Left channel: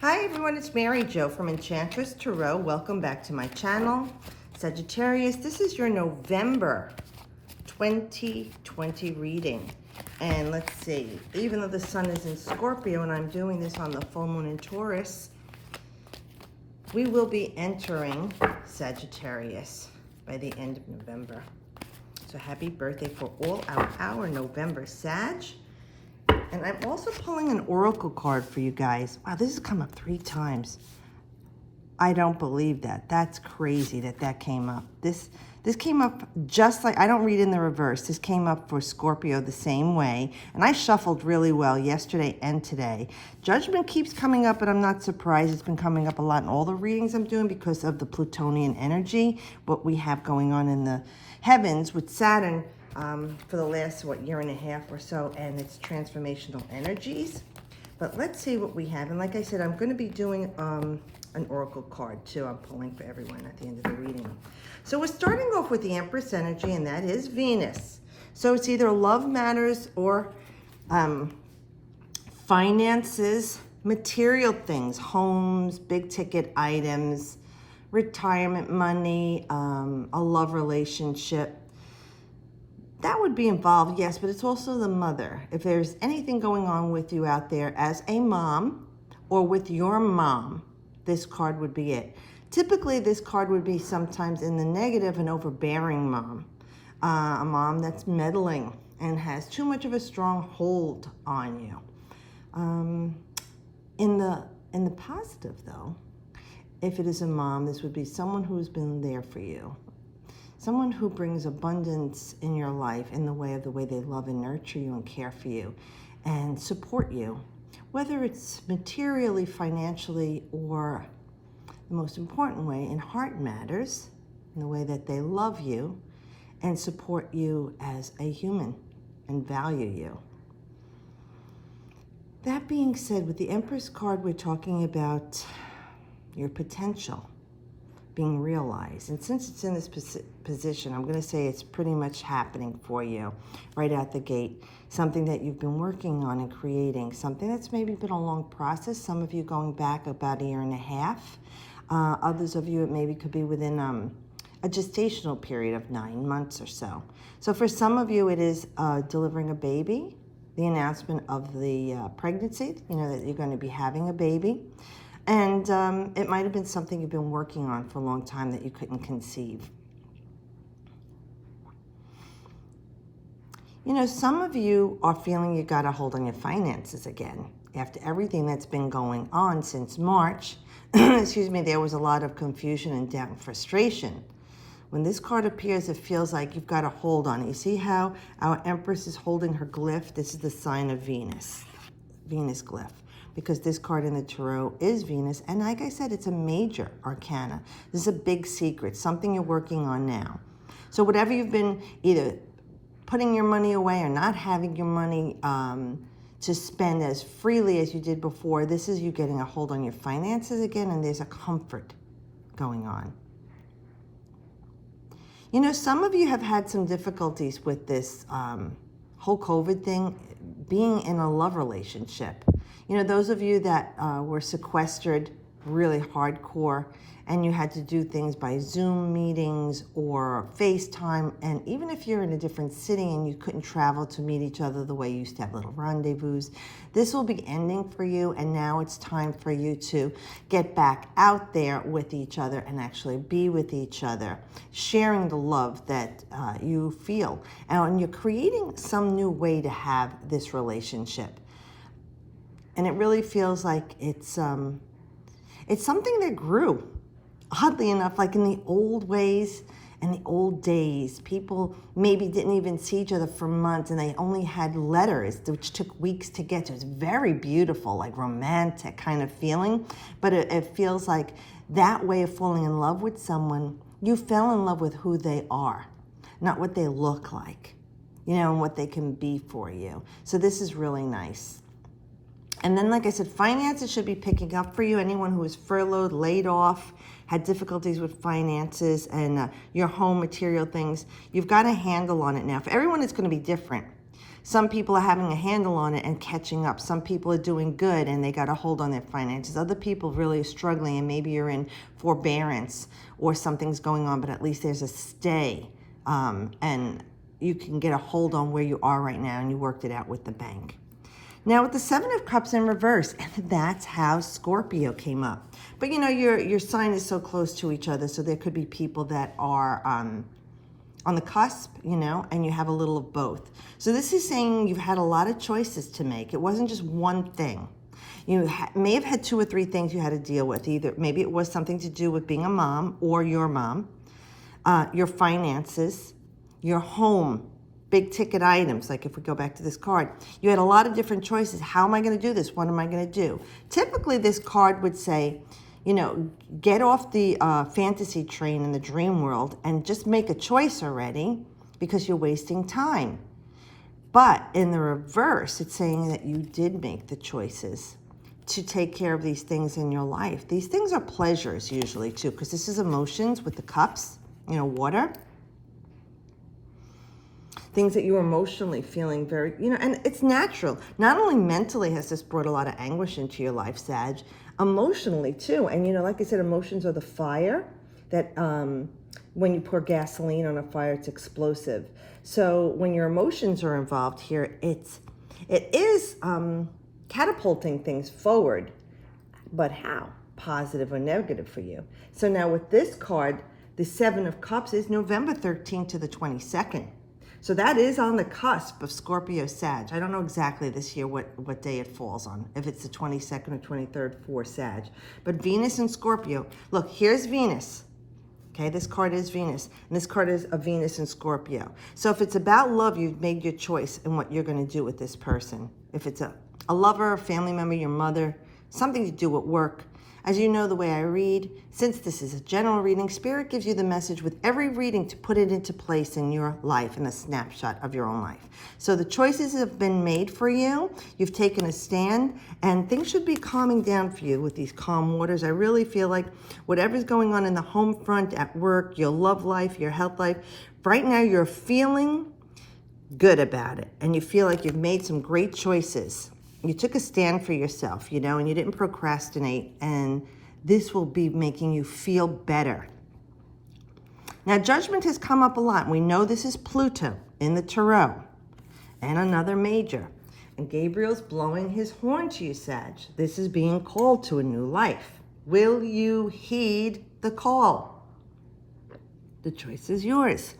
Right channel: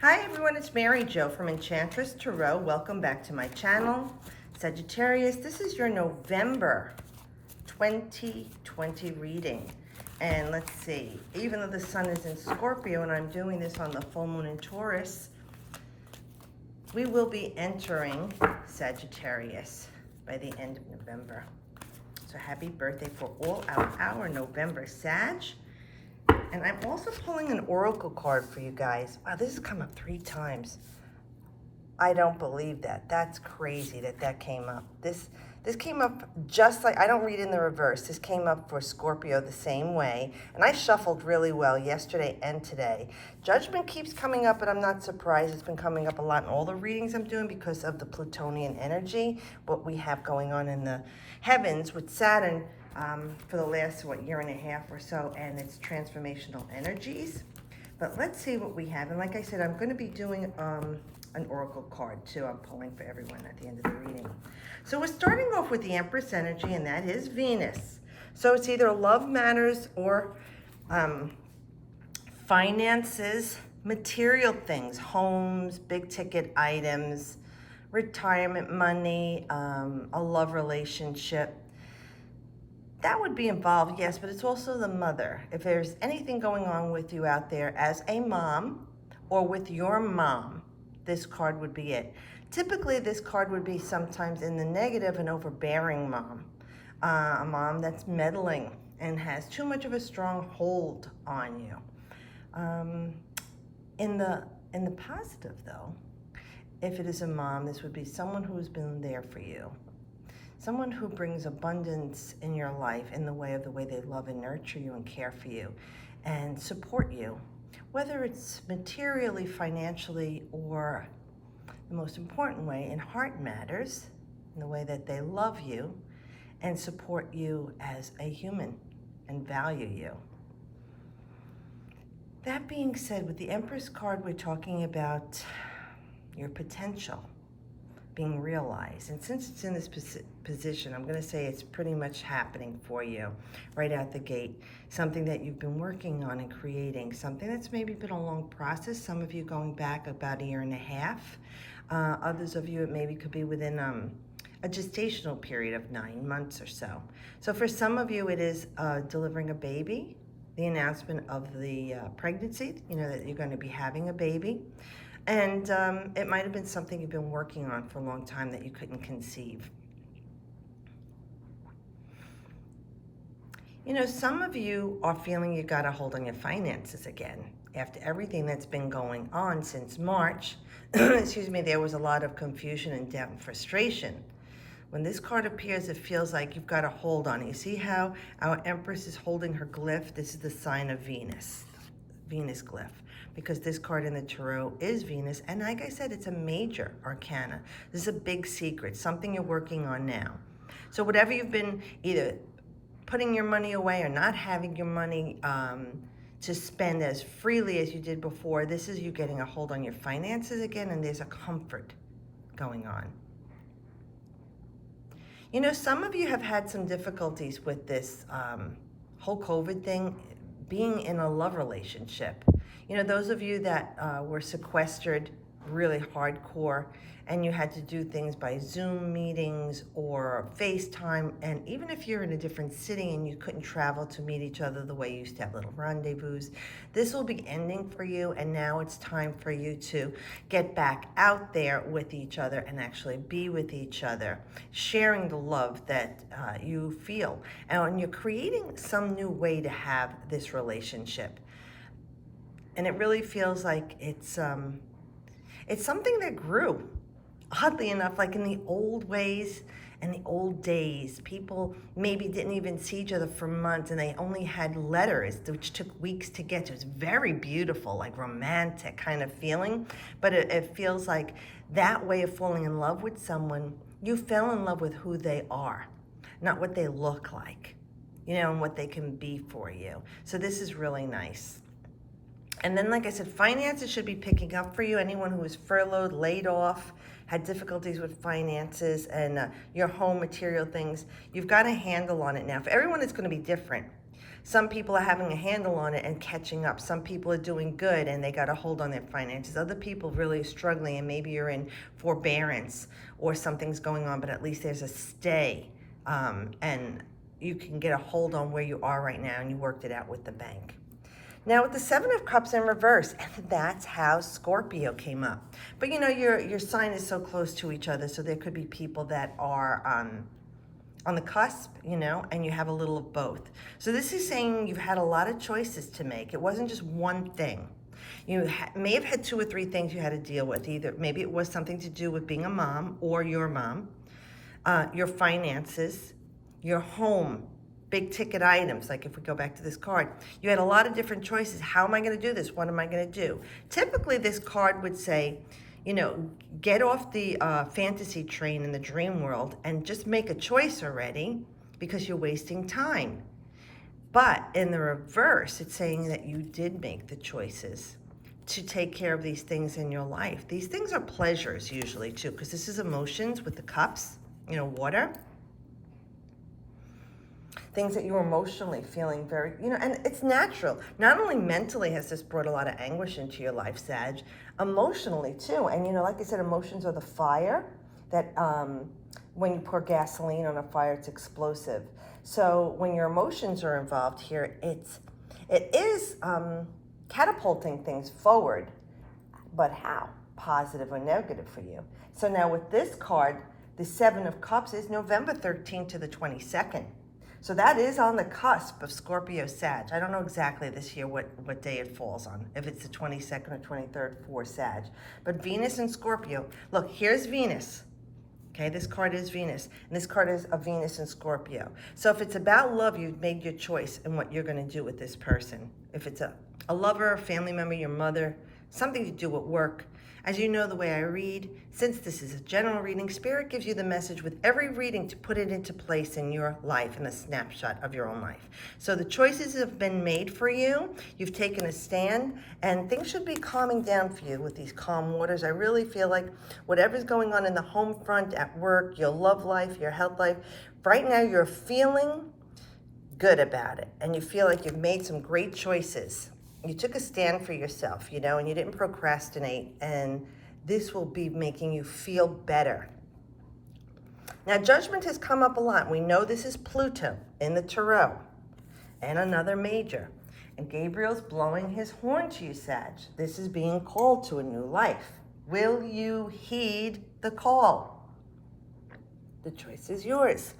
Hi everyone, it's Mary Jo from Enchantress Tarot. Welcome back to my channel. Sagittarius, this is your November 2020 reading. And let's see, even though the sun is in Scorpio and I'm doing this on the full moon in Taurus, we will be entering Sagittarius by the end of November. So happy birthday for all our November Sag. And I'm also pulling an oracle card for you guys. Wow, this has come up 3 times. I don't believe that. That's crazy that came up. This came up just like, I don't read in the reverse. This came up for Scorpio the same way. And I shuffled really well yesterday and today. Judgment keeps coming up, but I'm not surprised. It's been coming up a lot in all the readings I'm doing because of the Plutonian energy, what we have going on in the heavens with Saturn. For the last, year and a half or so, and it's transformational energies. But let's see what we have. And like I said, I'm going to be doing an oracle card too. I'm pulling for everyone at the end of the reading. So we're starting off with the Empress energy, and that is Venus. So it's either love matters or finances, material things, homes, big ticket items, retirement money, a love relationship. That would be involved, yes, but it's also the mother. If there's anything going on with you out there as a mom or with your mom, this card would be it. Typically, this card would be sometimes in the negative, an overbearing mom, a mom that's meddling and has too much of a strong hold on you. In the positive, though, if it is a mom, this would be someone who's been there for you. Someone who brings abundance in your life in the way they love and nurture you and care for you and support you, whether it's materially, financially, or the most important way, in heart matters, in the way that they love you and support you as a human and value you. That being said, with the Empress card, we're talking about your potential being realized. And since it's in this position, I'm going to say it's pretty much happening for you right out the gate. Something that you've been working on and creating, something that's maybe been a long process. Some of you going back about 1.5 years. Others of you, it maybe could be within a gestational period of 9 months or so. So for some of you, it is delivering a baby, the announcement of the pregnancy, that you're going to be having a baby. And it might have been something you've been working on for a long time that you couldn't conceive. Some of you are feeling you got a hold on your finances again. After everything that's been going on since March, excuse me, there was a lot of confusion and doubt and frustration. When this card appears, it feels like you've got a hold on it. You see how our Empress is holding her glyph? This is the sign of Venus, Venus glyph. Because this card in the Tarot is Venus. And like I said, it's a major arcana. This is a big secret, something you're working on now. So whatever you've been either putting your money away or not having your money to spend as freely as you did before, this is you getting a hold on your finances again, and there's a comfort going on. Some of you have had some difficulties with this whole COVID thing, being in a love relationship. Those of you that were sequestered really hardcore and you had to do things by Zoom meetings or FaceTime, and even if you're in a different city and you couldn't travel to meet each other the way you used to have little rendezvous, this will be ending for you, and now it's time for you to get back out there with each other and actually be with each other, sharing the love that you feel. And you're creating some new way to have this relationship. And it really feels like it's something that grew. Oddly enough, like in the old ways and the old days, people maybe didn't even see each other for months and they only had letters, which took weeks to get to. It's very beautiful, like romantic kind of feeling. But it feels like that way of falling in love with someone, you fell in love with who they are, not what they look like, and what they can be for you. So this is really nice. And then, like I said, finances should be picking up for you. Anyone who was furloughed, laid off, had difficulties with finances and your home material things, you've got a handle on it now. For everyone, it's going to be different. Some people are having a handle on it and catching up. Some people are doing good and they got a hold on their finances. Other people really are struggling, and maybe you're in forbearance or something's going on, but at least there's a stay, and you can get a hold on where you are right now, and you worked it out with the bank. Now with the Seven of Cups in reverse, and that's how Scorpio came up. But you know, your sign is so close to each other, so there could be people that are on the cusp, you know, and you have a little of both. So this is saying you've had a lot of choices to make. It wasn't just one thing. You may have had 2 or 3 things you had to deal with. Either maybe it was something to do with being a mom or your mom, your finances, your home, big ticket items. Like if we go back to this card, you had a lot of different choices. How am I going to do this? What am I going to do? Typically this card would say, you know, get off the fantasy train in the dream world and just make a choice already, because you're wasting time. But in the reverse, it's saying that you did make the choices to take care of these things in your life. These things are pleasures usually too, because this is emotions with the cups, you know, water. Things that you're emotionally feeling very, you know, and it's natural. Not only mentally has this brought a lot of anguish into your life, Sag, emotionally too. And you know, like I said, emotions are the fire that when you pour gasoline on a fire, it's explosive. So when your emotions are involved here, it is catapulting things forward. But how? Positive or negative for you. So now with this card, the Seven of Cups is November 13th to the 22nd. So that is on the cusp of Scorpio Sag. I don't know exactly this year what day it falls on, if it's the 22nd or 23rd for Sag. But Venus and Scorpio. Look, here's Venus. Okay, this card is Venus. And this card is a Venus and Scorpio. So if it's about love, you've made your choice in what you're going to do with this person. If it's a lover, a family member, your mother, something to do at work. As you know, the way I read, since this is a general reading, Spirit gives you the message with every reading to put it into place in your life, in a snapshot of your own life. So the choices have been made for you. You've taken a stand, and things should be calming down for you with these calm waters. I really feel like whatever's going on in the home front, at work, your love life, your health life, right now you're feeling good about it, and you feel like you've made some great choices. You took a stand for yourself, you know, and you didn't procrastinate, and this will be making you feel better. Now, Judgment has come up a lot. We know this is Pluto in the Tarot, and another major. And Gabriel's blowing his horn to you, Sag. This is being called to a new life. Will you heed the call? The choice is yours.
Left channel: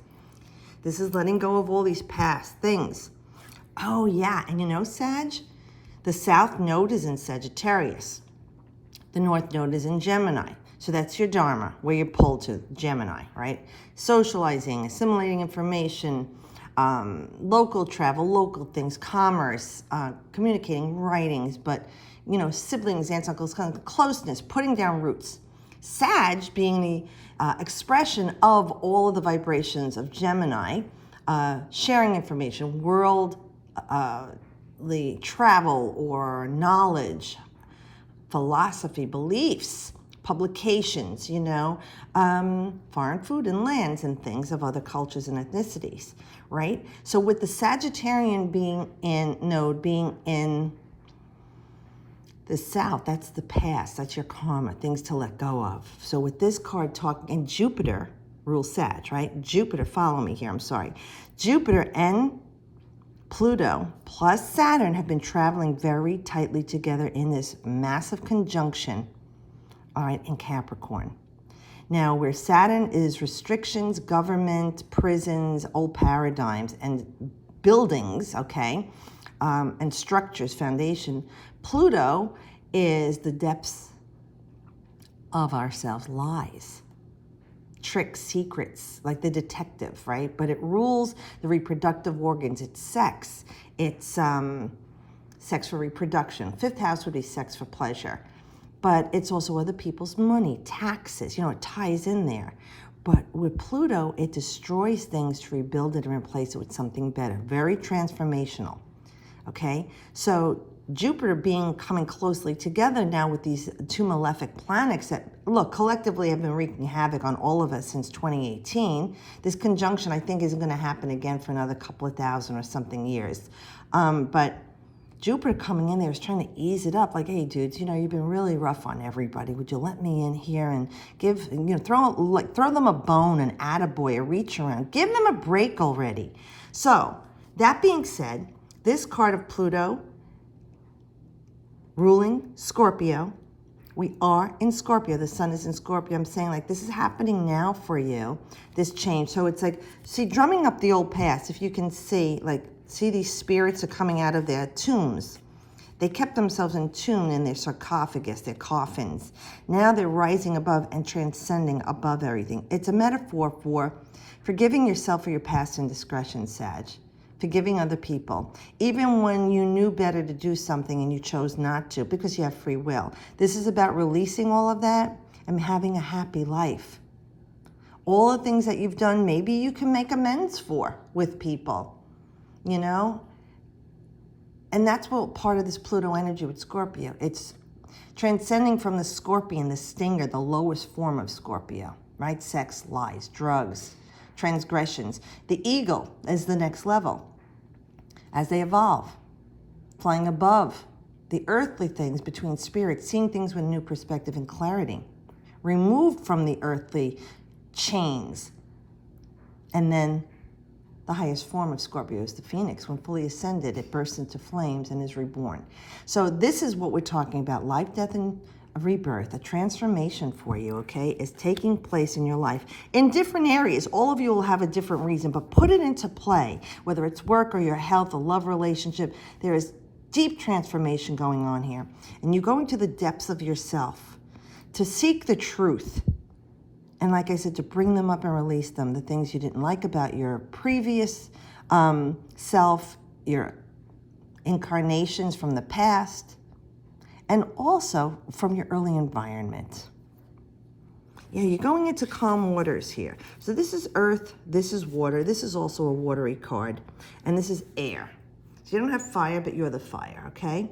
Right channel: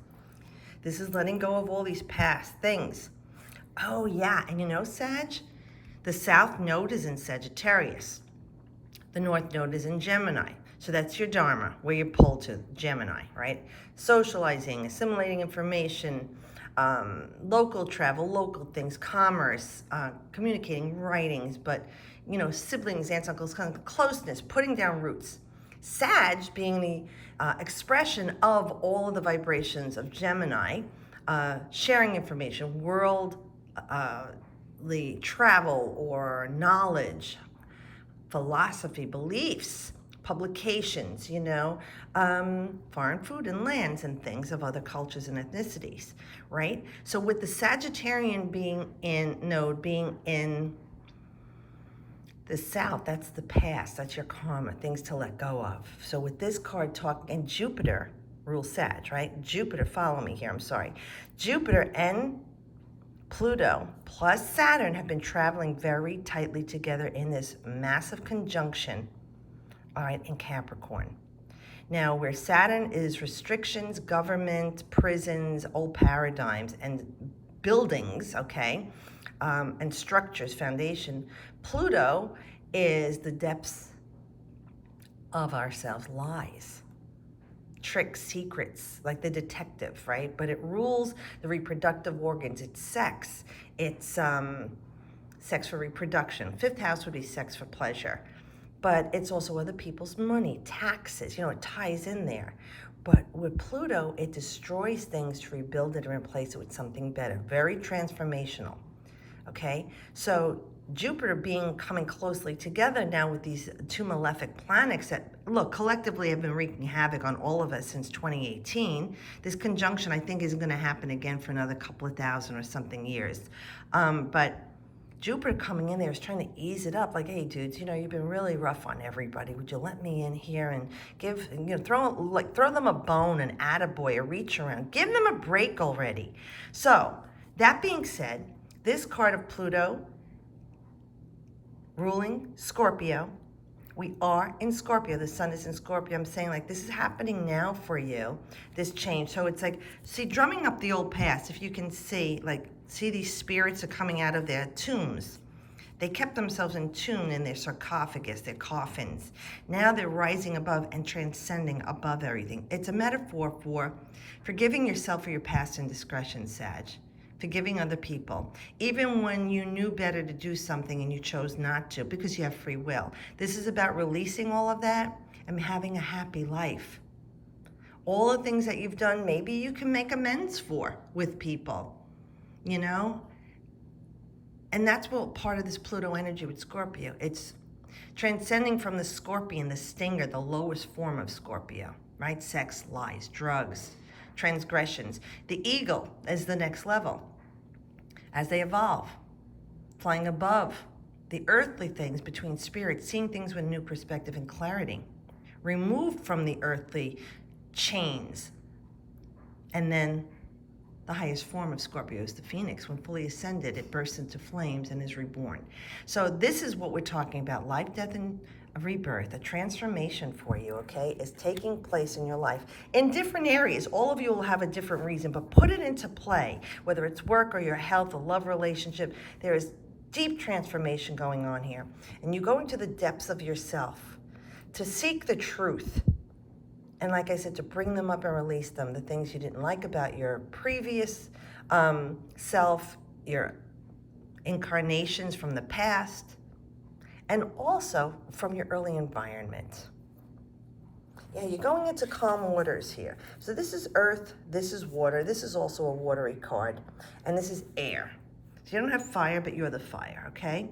This is letting go of all these past things. Oh, yeah, and you know, Sag, the South Node is in Sagittarius. The North Node is in Gemini. So that's your Dharma, where you're pulled to, Gemini, right? Socializing, assimilating information, local travel, local things, commerce, communicating, writings, but, you know, siblings, aunts, uncles, kind of closeness, putting down roots. Sag being the expression of all of the vibrations of Gemini, sharing information, the travel or knowledge, philosophy, beliefs, publications, you know, foreign food and lands and things of other cultures and ethnicities, right? So with the Sagittarian node being in the South, that's the past, that's your karma, things to let go of. So with this card talking, and Jupiter rules Sag, right? Jupiter, follow me here, I'm sorry. Jupiter and Pluto plus Saturn have been traveling very tightly together in this massive conjunction, all right, in Capricorn. Now, where Saturn is restrictions, government, prisons, old paradigms, and buildings, okay, and structures, foundation, Pluto is the depths of ourselves, lies, tricks, secrets, like the detective, right? But it rules the reproductive organs. It's sex. It's sex for reproduction. 5th house would be sex for pleasure. But it's also other people's money, taxes, you know, it ties in there. But with Pluto, it destroys things to rebuild it and replace it with something better. Very transformational, okay? So Jupiter coming closely together now with these two malefic planets that, look, collectively have been wreaking havoc on all of us since 2018. This conjunction, I think, isn't going to happen again for another couple of thousand or something years. But Jupiter coming in there is trying to ease it up. Like, hey, dudes, you've been really rough on everybody. Would you let me in here and throw them a bone, an attaboy, a reach around. Give them a break already. So, that being said, this card of Pluto ruling Scorpio. We are in Scorpio. The sun is in Scorpio. I'm saying, like, this is happening now for you, this change. So it's like, see, drumming up the old past, if you can see, see these spirits are coming out of their tombs. They kept themselves in tune in their sarcophagus, their coffins. Now they're rising above and transcending above everything. It's a metaphor for forgiving yourself for your past indiscretions, Sag. Forgiving other people, even when you knew better to do something and you chose not to, because you have free will. This is about releasing all of that and having a happy life. All the things that you've done, maybe you can make amends for with people, And that's what part of this Pluto energy with Scorpio. It's transcending from the scorpion, the stinger, the lowest form of Scorpio, right? Sex, lies, drugs, transgressions. The eagle is the next level as they evolve, flying above the earthly things between spirits, seeing things with a new perspective and clarity, removed from the earthly chains. And then the highest form of Scorpio is the phoenix. When fully ascended, it bursts into flames and is reborn. So this is what we're talking about. Life, death, and rebirth, a transformation for you, okay, is taking place in your life in different areas. All of you will have a different reason, but put it into play, whether it's work or your health, a love relationship. There is deep transformation going on here. And you go into the depths of yourself to seek the truth. And like I said, to bring them up and release them, the things you didn't like about your previous self, your incarnations from the past, and also from your early environment. Yeah, you're going into calm waters here. So this is earth, this is water, this is also a watery card, and this is air. So you don't have fire, but you're the fire, okay?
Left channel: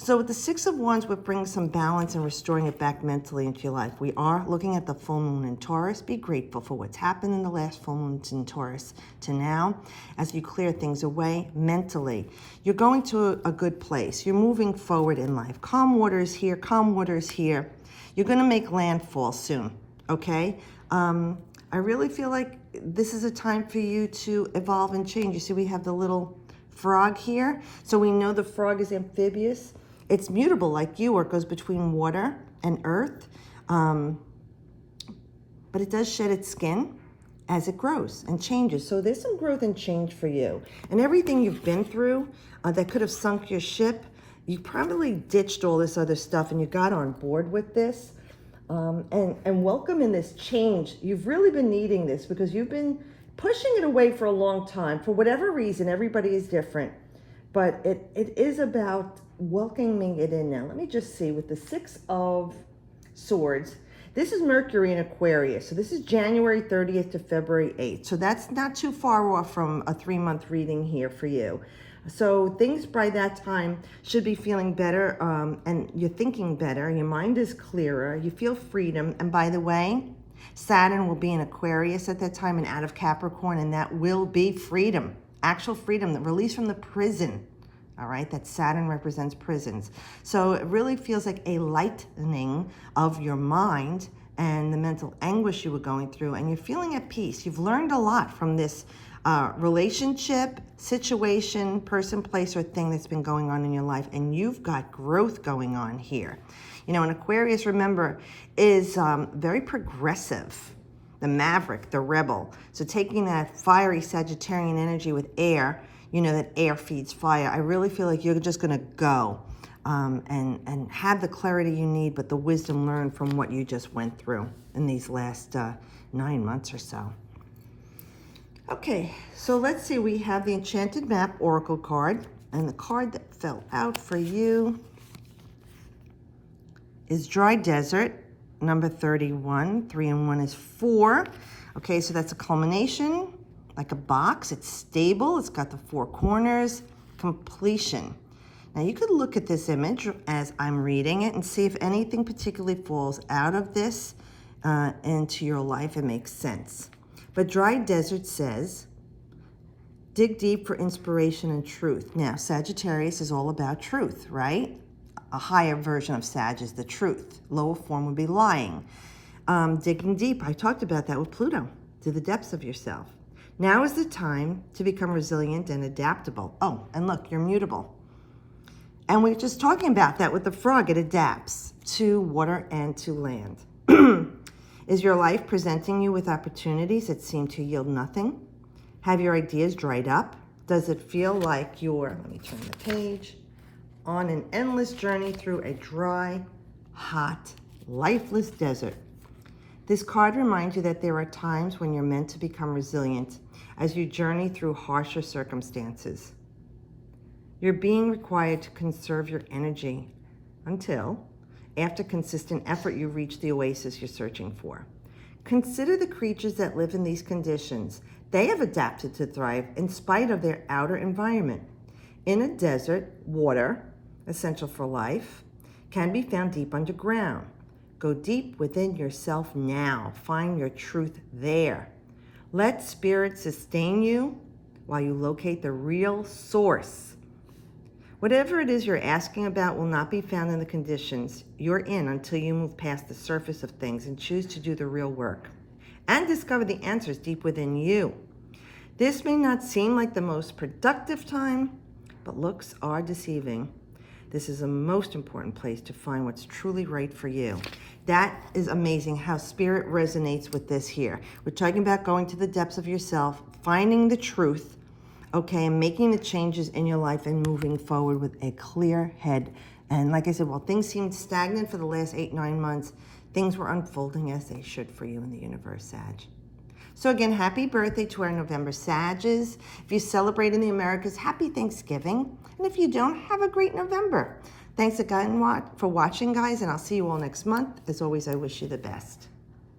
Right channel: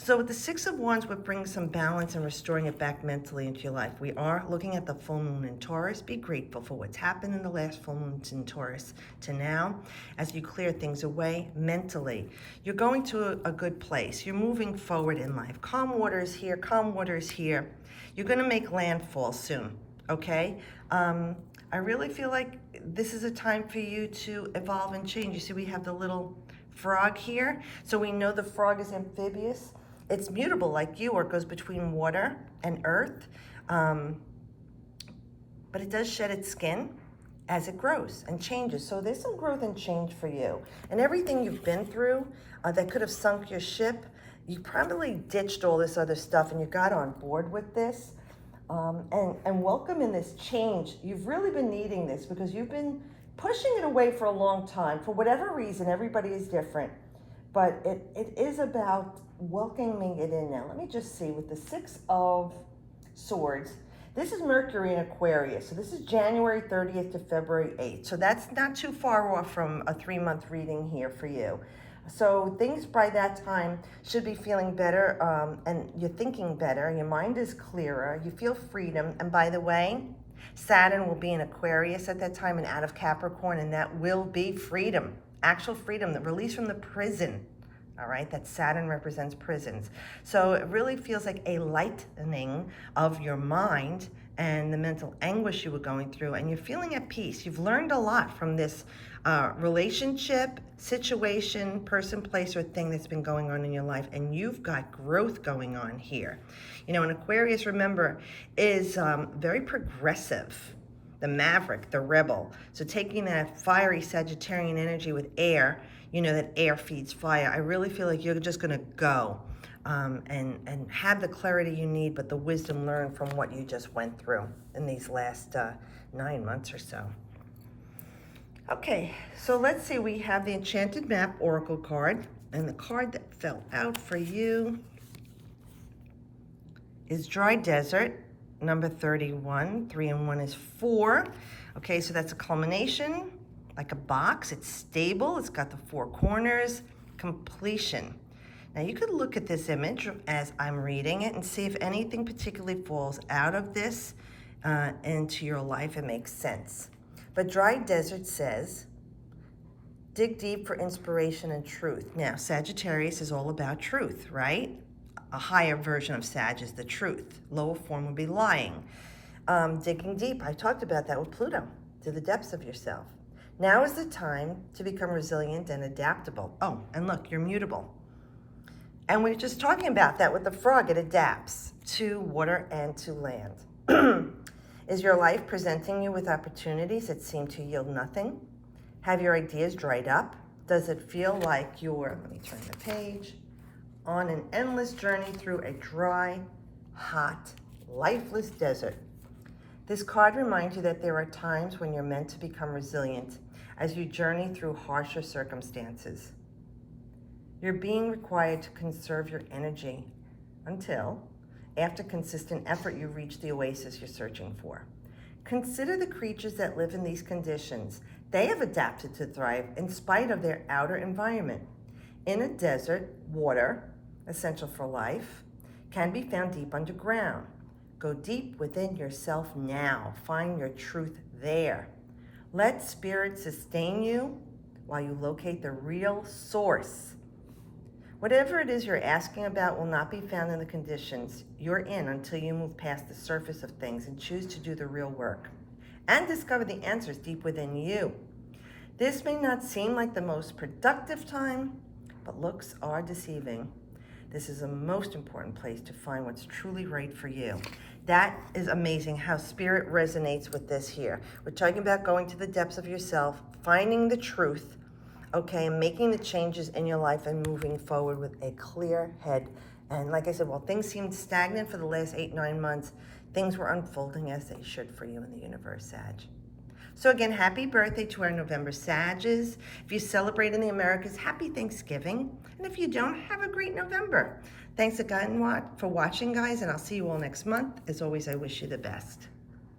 So with the Six of Wands, we're bringing some balance and restoring it back mentally into your life. We are looking at the full moon in Taurus. Be grateful for what's happened in the last full moon in Taurus to now. As you clear things away mentally, you're going to a good place. You're moving forward in life. Calm waters here, calm waters here. You're going to make landfall soon, okay? I really feel like this is a time for you to evolve and change. You see, we have the little frog here. So we know the frog is amphibious. It's mutable like you, or it goes between water and earth. But it does shed its skin as it grows and changes. So there's some growth and change for you. And everything you've been through that could have sunk your ship, you probably ditched all this other stuff and you got on board with this. And welcome in this change. You've really been needing this because you've been pushing it away for a long time. For whatever reason, everybody is different. But it is about welcoming it in now. Let me just see, with the Six of Swords, this is Mercury in Aquarius. So this is January 30th to February 8th. So that's not too far off from a 3-month reading here for you. So things by that time should be feeling better, and you're thinking better. Your mind is clearer. You feel freedom. And by the way, Saturn will be in Aquarius at that time and out of Capricorn, and that will be freedom, actual freedom, the release from the prison. All right, that Saturn represents prisons. So it really feels like a lightening of your mind and the mental anguish you were going through, and you're feeling at peace. You've learned a lot from this relationship, situation, person, place, or thing that's been going on in your life, and you've got growth going on here. You know, and Aquarius, remember, is very progressive, the maverick, the rebel. So taking that fiery Sagittarian energy with air, you know that air feeds fire. I really feel like you're just gonna go and have the clarity you need, but the wisdom learned from what you just went through in these last 9 months or so. Okay, so let's see, we have the Enchanted Map Oracle card, and the card that fell out for you is Dry Desert, number 31. 3 and 1 is 4. Okay, so that's a culmination, like a box. It's stable, it's got the 4 corners, completion. Now you could look at this image as I'm reading it and see if anything particularly falls out of this into your life and makes sense. But Dry Desert says, dig deep for inspiration and truth. Now, Sagittarius is all about truth, right? A higher version of Sag is the truth. Lower form would be lying. Digging deep, I talked about that with Pluto, to the depths of yourself. Now is the time to become resilient and adaptable. Oh, and look, you're mutable. And we're just talking about that with the frog. It adapts to water and to land. Is your life presenting you with opportunities that seem to yield nothing? Have your ideas dried up? Does it feel like you're, let me turn the page, on an endless journey through a dry, hot, lifeless desert? This card reminds you that there are times when you're meant to become resilient as you journey through harsher circumstances. You're being required to conserve your energy until, after consistent effort, you reach the oasis you're searching for. Consider the creatures that live in these conditions. They have adapted to thrive in spite of their outer environment. In a desert, water, essential for life, can be found deep underground. Go deep within yourself now. Find your truth there. Let spirit sustain you while you locate the real source. Whatever it is you're asking about will not be found in the conditions you're in until you move past the surface of things and choose to do the real work and discover the answers deep within you. This may not seem like the most productive time, but looks are deceiving. This is the most important place to find what's truly right for you. That is amazing how spirit resonates with this here. We're talking about going to the depths of yourself, finding the truth, okay, and making the changes in your life and moving forward with a clear head. And like I said, while things seemed stagnant for the last 8-9 months, things were unfolding as they should for you in the universe, Sag. So again, happy birthday to our November Sages. If you celebrate in the Americas, happy Thanksgiving. And if you don't, have a great November. Thanks again for watching, guys, and I'll see you all next month. As always, I wish you the best.